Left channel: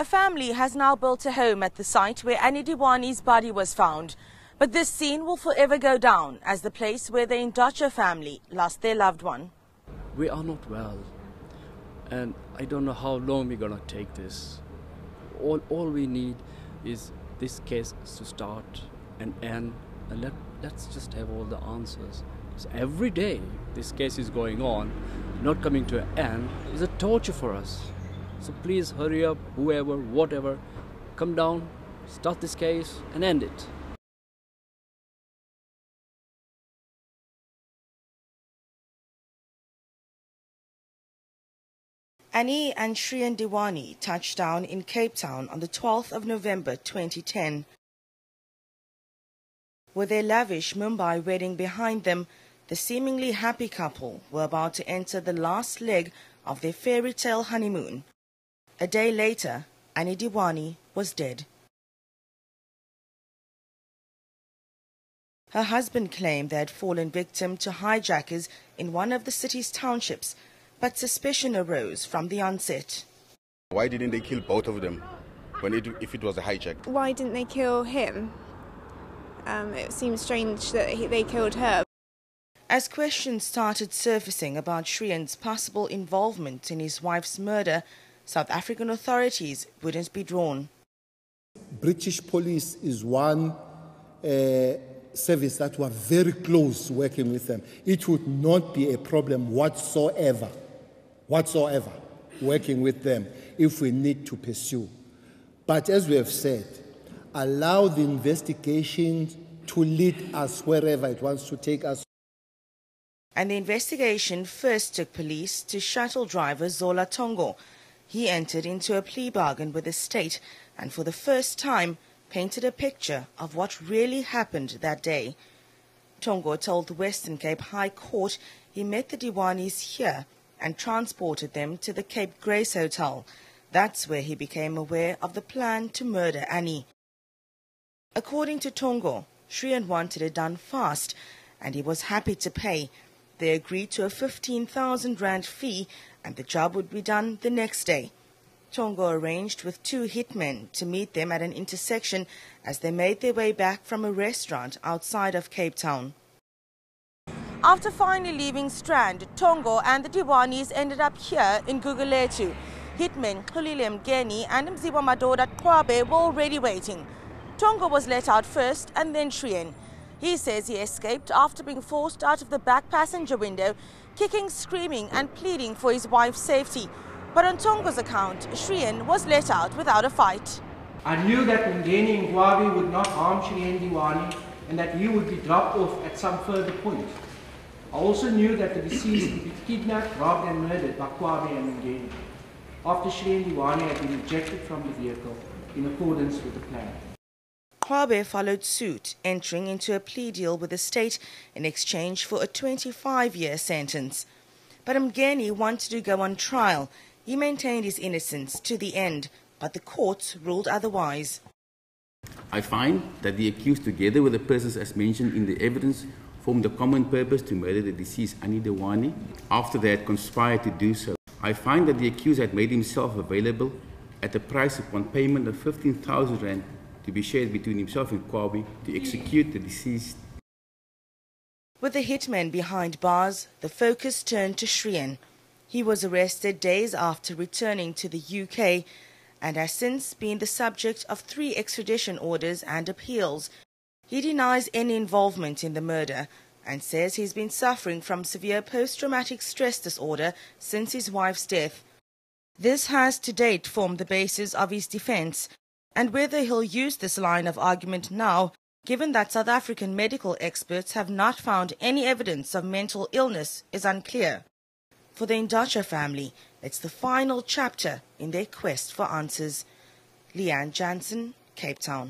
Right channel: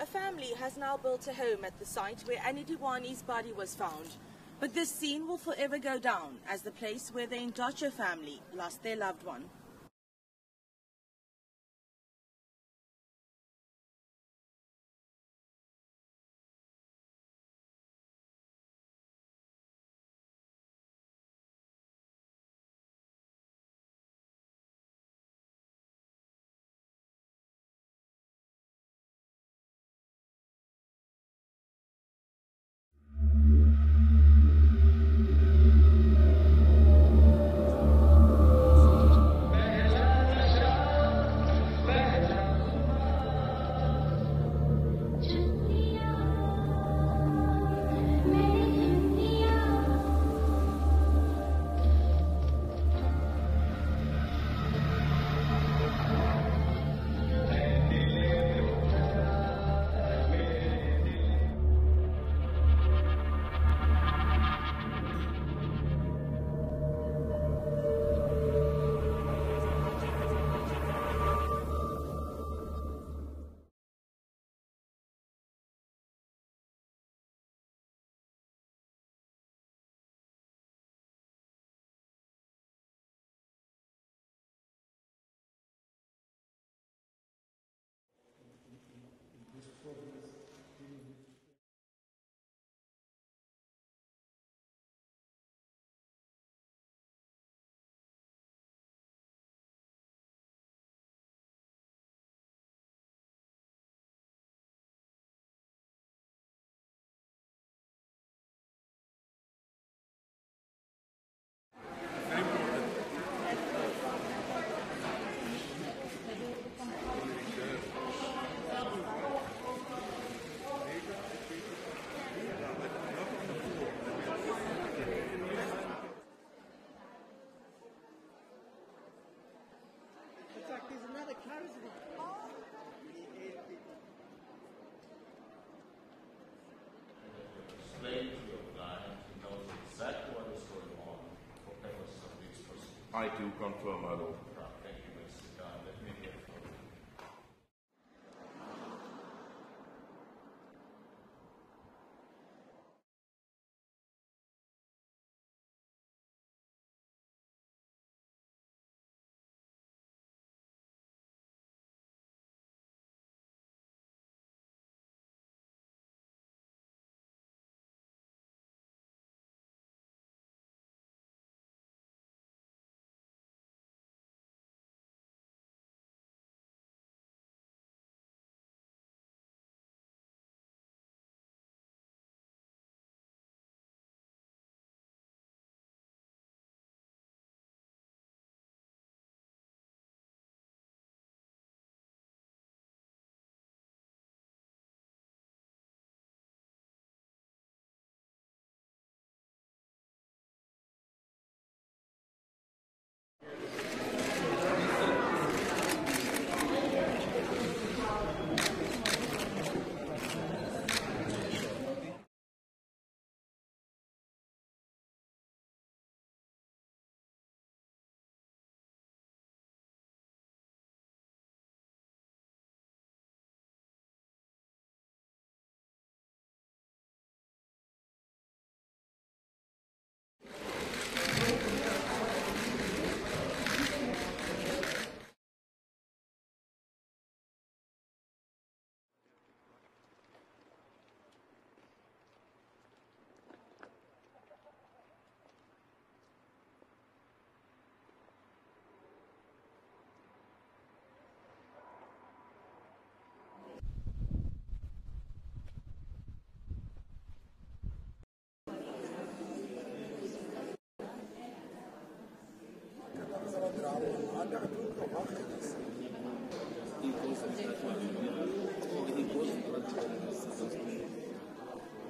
A family has now built a home at the site where Anni Dewani's body was found. But this scene will forever go down as the place where the eNCA family lost their loved one. We are not well, and I don't know how long we're going to take this. All we need is this case to start and end, and let's just have all the answers. So every day this case is going on, not coming to an end, is a torture for us. So please hurry up, whoever, whatever, come down, start this case and end it. Anni and Shrien Dewani touched down in Cape Town on the 12th of November 2010. With their lavish Mumbai wedding behind them, the seemingly happy couple were about to enter the last leg of their fairy tale honeymoon. A day later, Anni Dewani was dead. Her husband claimed they had fallen victim to hijackers in one of the city's townships, but suspicion arose from the onset. Why didn't they kill both of them if it was a hijack? Why didn't they kill him? It seems strange that they killed her. As questions started surfacing about Shrien's possible involvement in his wife's murder, South African authorities wouldn't be drawn. British police is one service that were very close working with them. It would not be a problem whatsoever working with them if we need to pursue. But as we have said, allow the investigation to lead us wherever it wants to take us. And the investigation first took police to shuttle driver Zola Tongo. He entered into a plea bargain with the state and for the first time painted a picture of what really happened that day. Tongo told the Western Cape High Court he met the Dewanis here and transported them to the Cape Grace Hotel. That's where he became aware of the plan to murder Anni. According to Tongo, Shrien wanted it done fast and he was happy to pay. They agreed to a 15,000 rand fee and the job would be done the next day. Tongo arranged with 2 hitmen to meet them at an intersection as they made their way back from a restaurant outside of Cape Town. After finally leaving Strand, Tongo and the Dewanis ended up here in Gugulethu. Hitmen Xolile Mgeni and Mziwa Madoda Kwabe were already waiting. Tongo was let out first and then Shrien. He says he escaped after being forced out of the back passenger window, kicking, screaming and pleading for his wife's safety. But on Tongo's account, Shrien was let out without a fight. I knew that Mgeni and Kwabe would not harm Shrien Dewani and that he would be dropped off at some further point. I also knew that the deceased would be kidnapped, robbed and murdered by Kwabe and Mgeni after Shrien Dewani had been ejected from the vehicle in accordance with the plan. Kwabe followed suit, entering into a plea deal with the state in exchange for a 25-year sentence. But Mgeni wanted to go on trial. He maintained his innocence to the end, but the courts ruled otherwise. I find that the accused, together with the persons as mentioned in the evidence, formed a common purpose to murder the deceased Anni Dewani after they had conspired to do so. I find that the accused had made himself available at a price upon payment of 15,000 rand to be shared between himself and Kwabe to execute the deceased. With the hitmen behind bars, the focus turned to Shrien. He was arrested days after returning to the UK and has since been the subject of 3 extradition orders and appeals. He denies any involvement in the murder and says he's been suffering from severe post-traumatic stress disorder since his wife's death. This has to date formed the basis of his defense, and whether he'll use this line of argument now, given that South African medical experts have not found any evidence of mental illness, is unclear. For the eNCA family, it's the final chapter in their quest for answers. Leanne Jansen, Cape Town.